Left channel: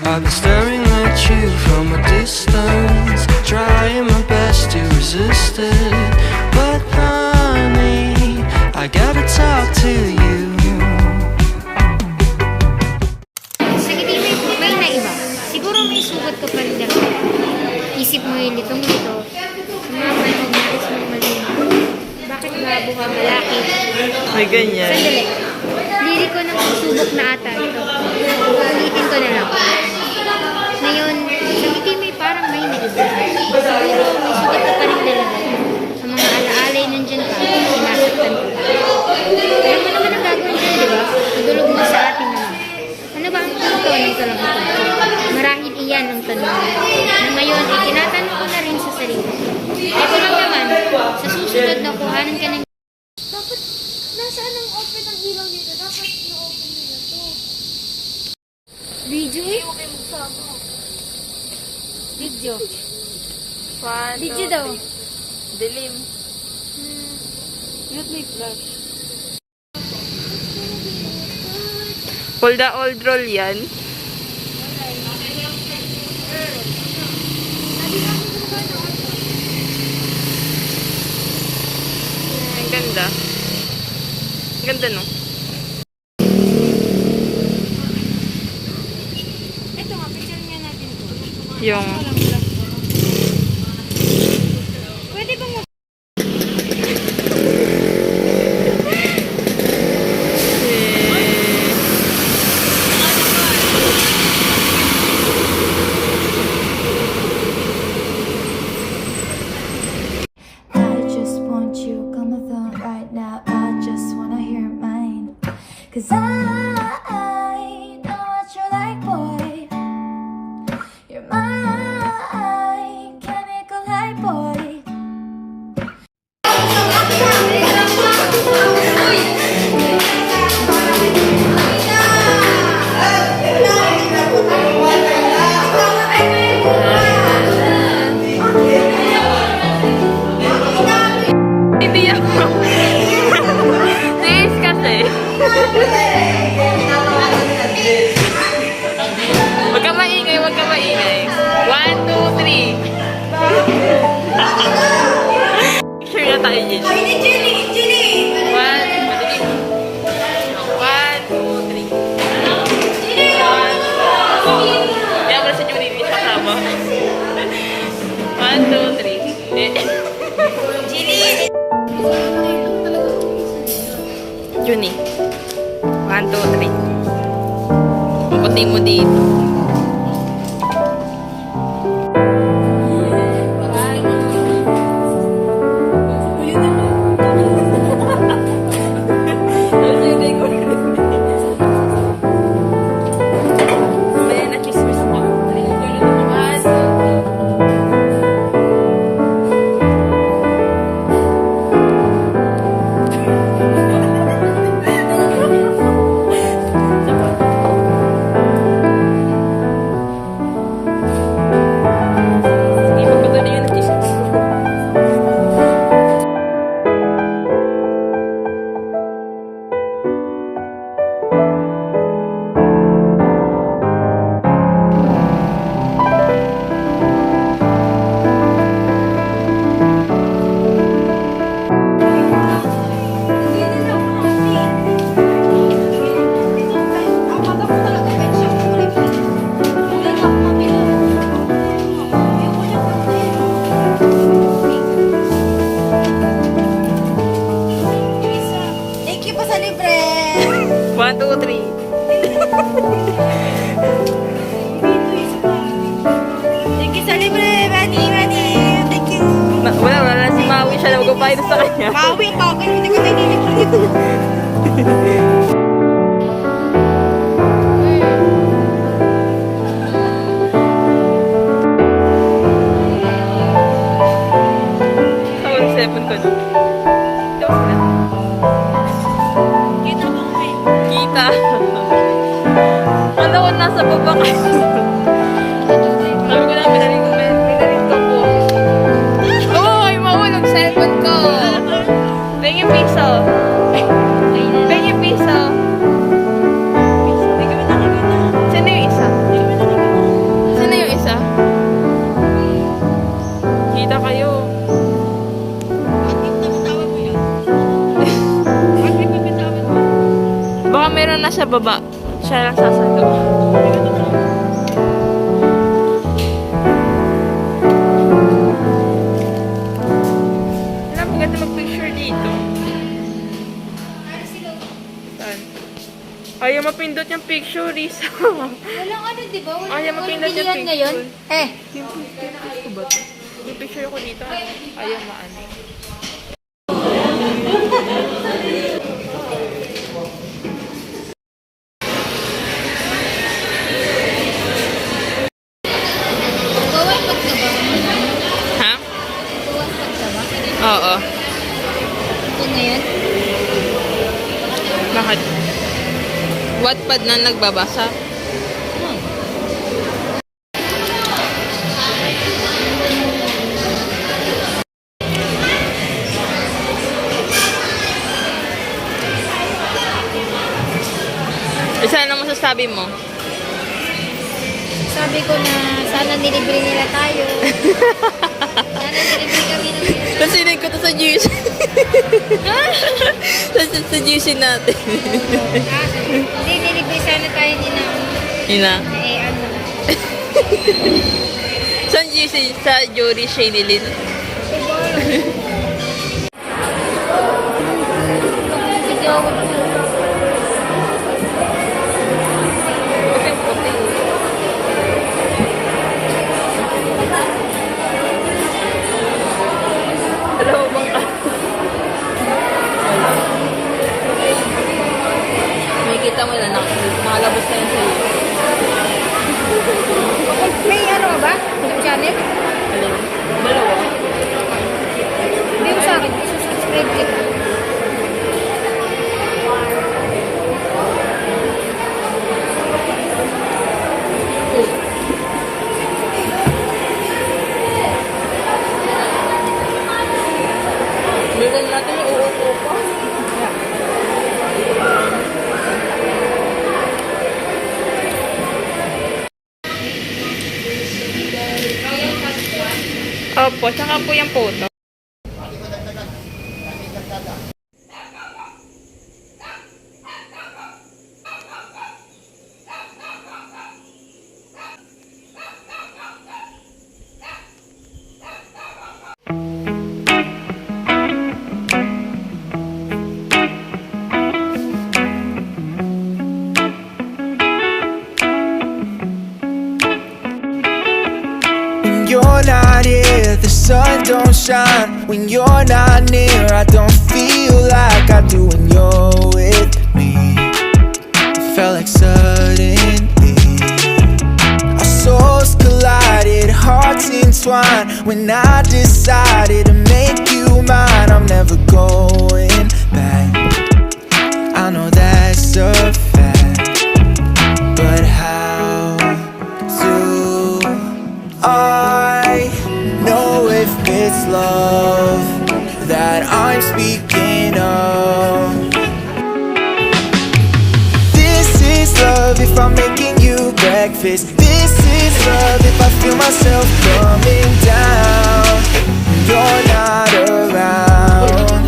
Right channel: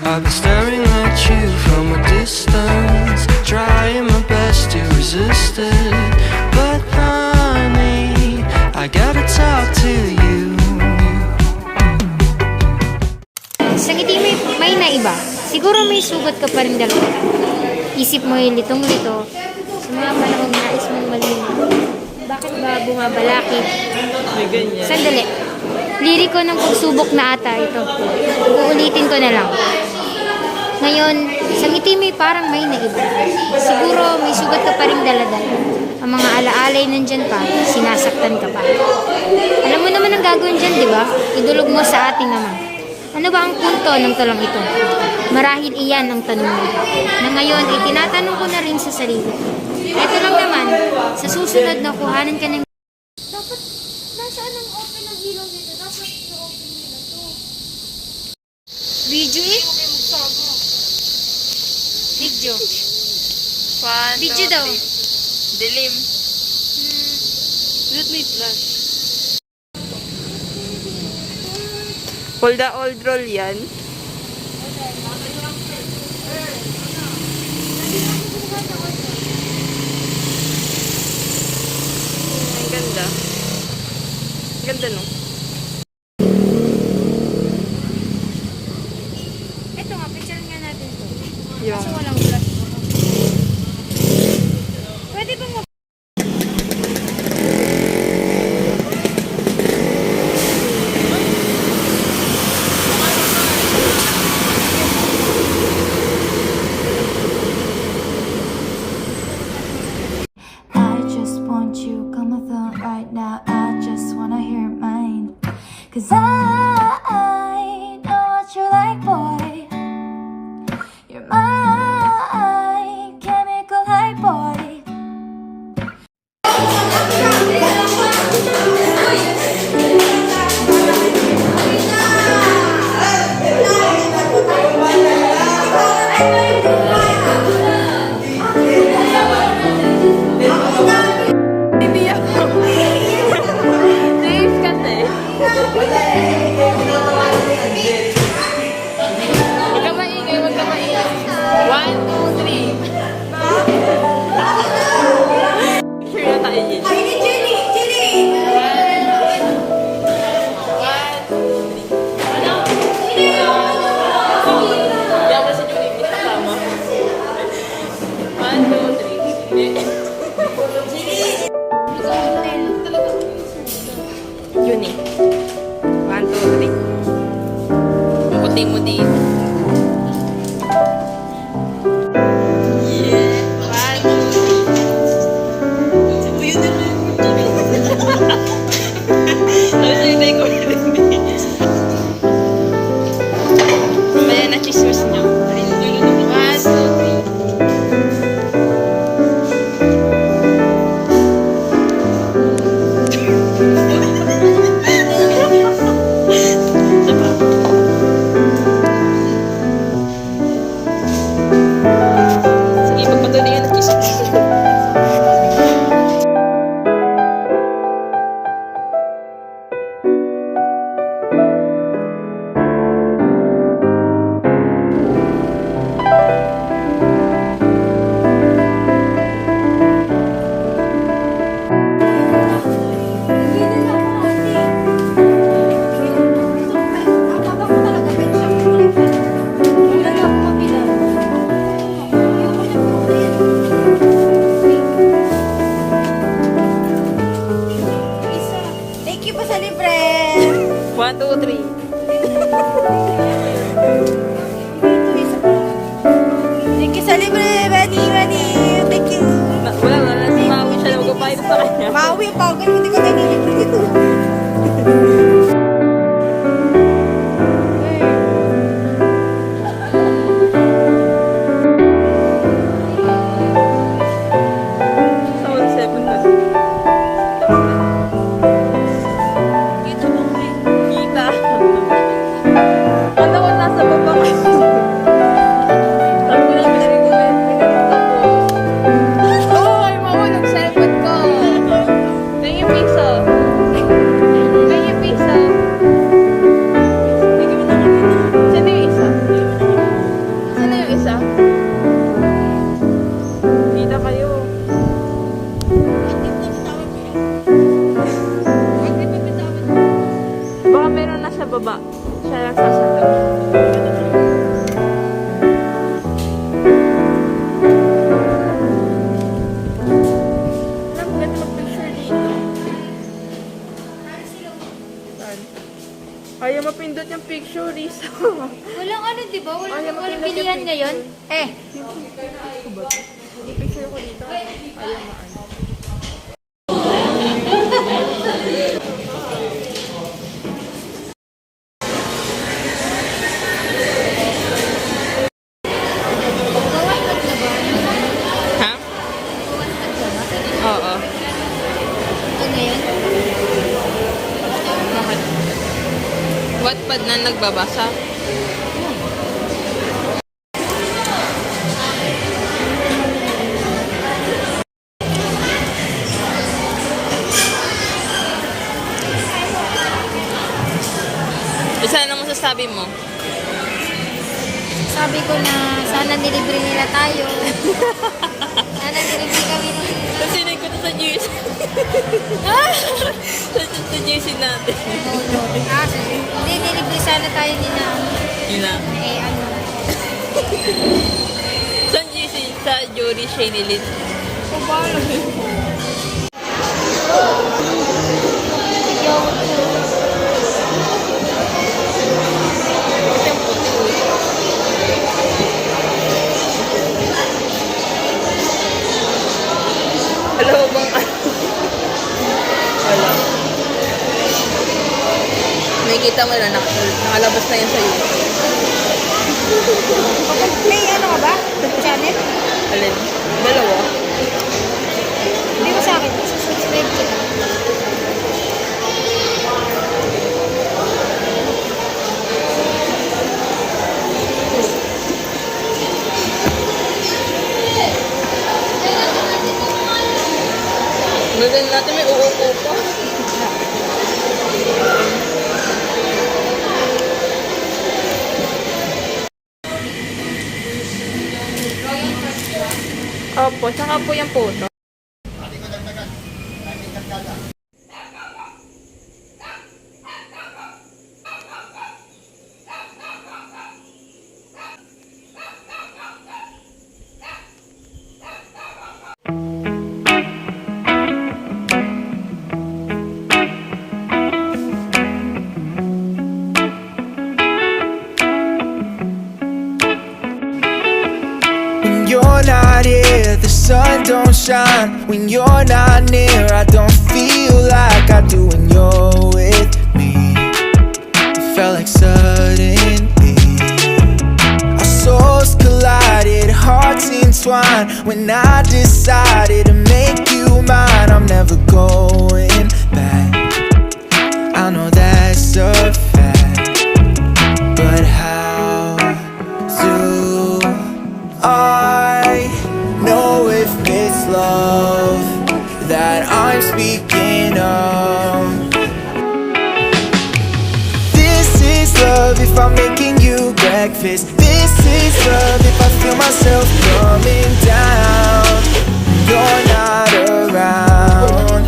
I've been staring at you from a distance, trying my best to resist it. But honey, I gotta talk to you. Sa ngiti may naiba. Siguro may sugat ka pa rin dalawa. Isip mo yung litong-lito. Sumaman, nais mo malino. Bakit ba bumabalakit? May ganyan. Sandali. Liriko ng pagsubok na ata ito. Ulitin ko na lang. Ngayon, sa ngiti may parang may naiba. Siguro may sugat ka pa rin dalawa. Ang mga alaalay nandyan pa, sinasaktan ka pa. Alam mo naman ang gagawin dyan, di ba? Tudulog mo sa atin naman. Ano ba ang punto ng tanong ito? Marahil iyan ang tanong. Na ngayon, tinatanong ko na rin sa sarili. Ito lang naman, sa susunod na kuhanan ka ng... Dapat, nasaan ang open ng ilaw nito? Dapat i-open nito. Video eh? Video. Video daw. Dilim. Let me flash. Hold the old roll yan. Ang ganda. Ang ganda no? Ito nga, picture nga natin to. Yung... Pwede bang Cause I know what you like, boy. You're my chemical high, boy. Hindi ako. Serious kasi. Huwag ka maingay, huwag ka maingay. 1, 2, 3. Picture na tayo yun. 1, 2, 3. Kaya ba si Julie, may kasama? 1, 2, 3. Junie. 1, 2, 3. Ang puti mo dito. Mamaya na chismis niyo. Thank you pa sa libre. 1, 2, 3. Thank you sa libre, Benny. Thank you. Wala. Si Maui siya na magpapahit sa kanya. Maui, bagay. Hindi ko nalilibre dito. Tawag 7 ko na. Kita mo kami. Kita. Ano ko nasa baba kasi. Sabi ko na, pinarin ko po. Oo, ay Maui, nag-7 ka. Tingin pisa. baba. Siya lang sasalo. Alam, maganda mag-picture dito. Saan? Ayaw mapindot yung picture, Risa. Walang ano, di ba? Walang, Ayaw mapindot yung bilihan ngayon. picture. Ko ba ito? Yung picture ko dito. Ayaw maano. Ha? Oo. Ito ngayon. Bakit? Wattpad na nagbabasa? Isa na masasabi mo? Sabi ko na sana nilibre nila tayo. Sana nilibre kami ng... Kasi ko to sa GC. sa GC natin. Hindi, nilibre sana tayo ni na... Ina. ano... Sa GC, sa Jory Shaylin. O ba? Ito yung puti. Alam mo bang wala. May kita mo na nakalabas na yun sa iyo. May ano ka ba? Channel? Alin? Dalawa? Hindi mo sa akin. Subscribe kita. Bigyan natin may uupo pa. Opo, tsaka po yung photo. When you're not here, the sun don't shine. When you're not near, I don't feel like I do when you're with me. It felt like suddenly our souls collided, hearts entwined. When I decided to make you mine, I'm never going back. I know that's a fact, but how do I know if it's love that I'm speaking of? This is love if I'm making you breakfast. This is love if I feel myself coming down. You're not around.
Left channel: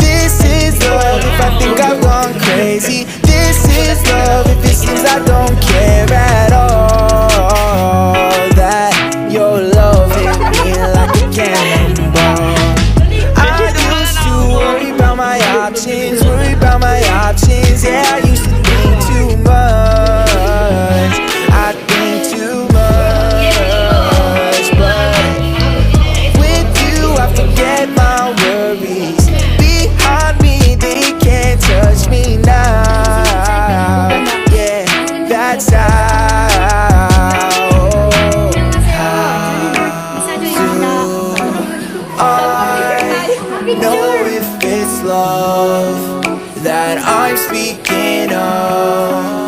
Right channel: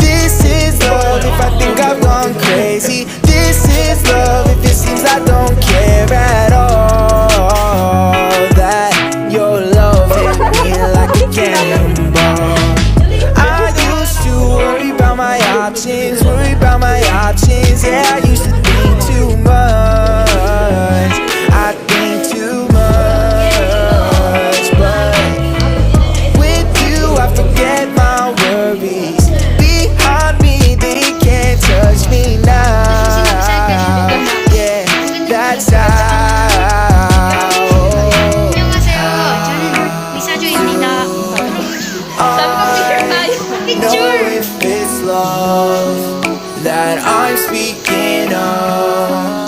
This is love if I think I've gone crazy. This is love if it seems I don't care at all. That your love hit me like a cannonball. I used to worry about my options, worry about my options. Yeah, I used to think too much. I think too much, but with you I forget my worries. Behind me they can't touch me now. Yeah, that's how I know if it's love that I'm speaking of.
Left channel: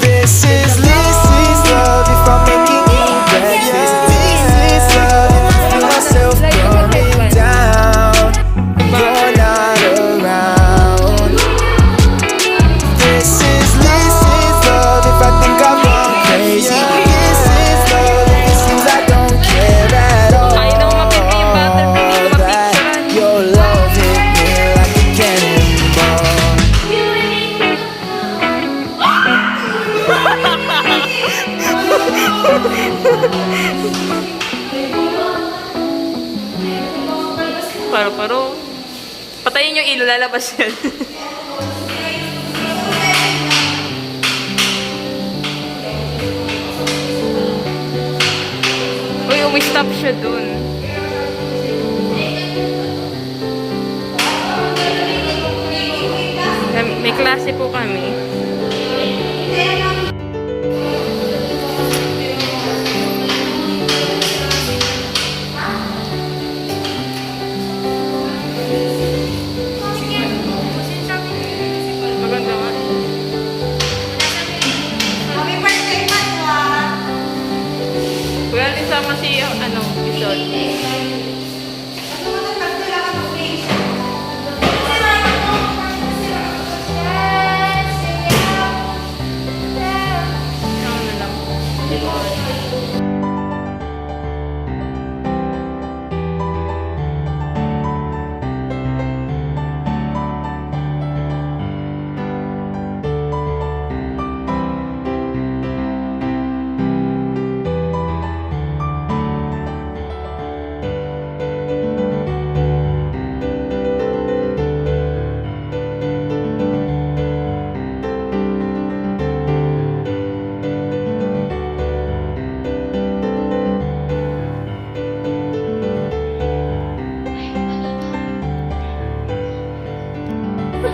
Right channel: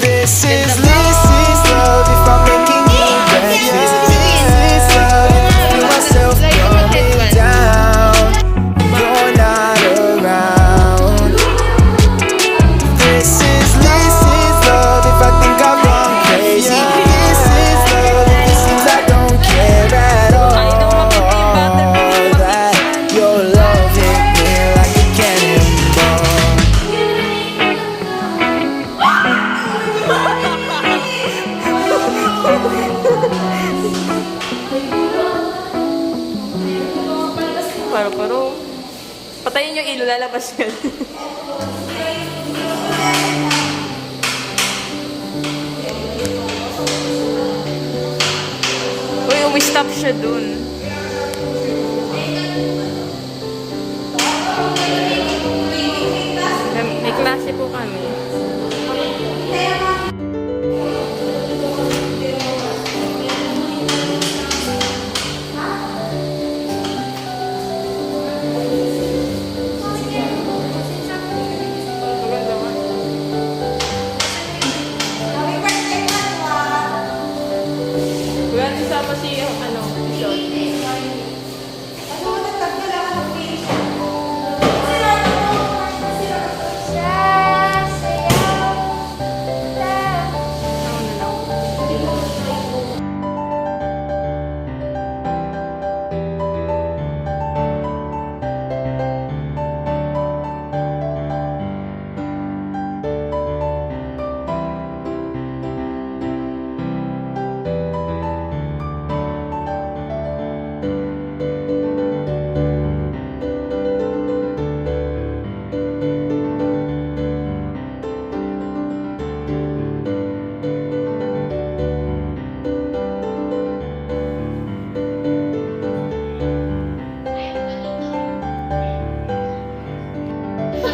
This is love if I'm making you breakfast. This is love if I feel myself coming down. You're not around. This is love if I think I've gone crazy. This is love if it seems I don't care at all. That your love hit me like a cannonball. Paro-paro. Patayin yung ilo, lalabas yan. Uy, umi-stop siya dun. May klase po kami. Maganda nga. Happy birthday, Manwa! Wala din sama si, Pigeon. Ano na lang.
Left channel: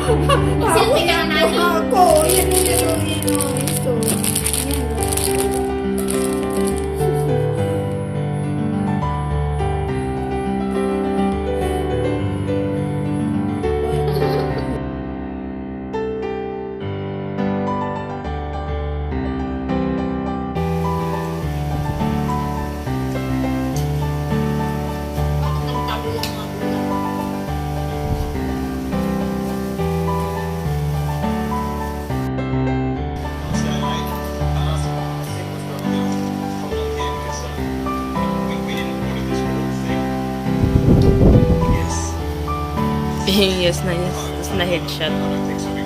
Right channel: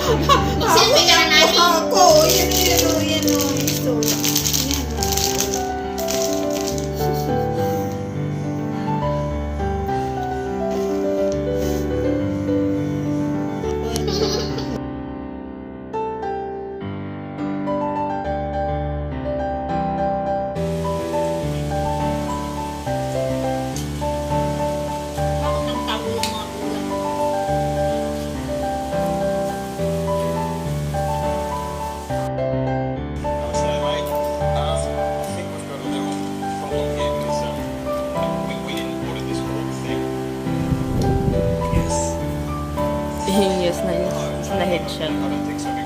Selfie lang natin. Ako, yan o. Gusto. Yan o. Yes na headshot.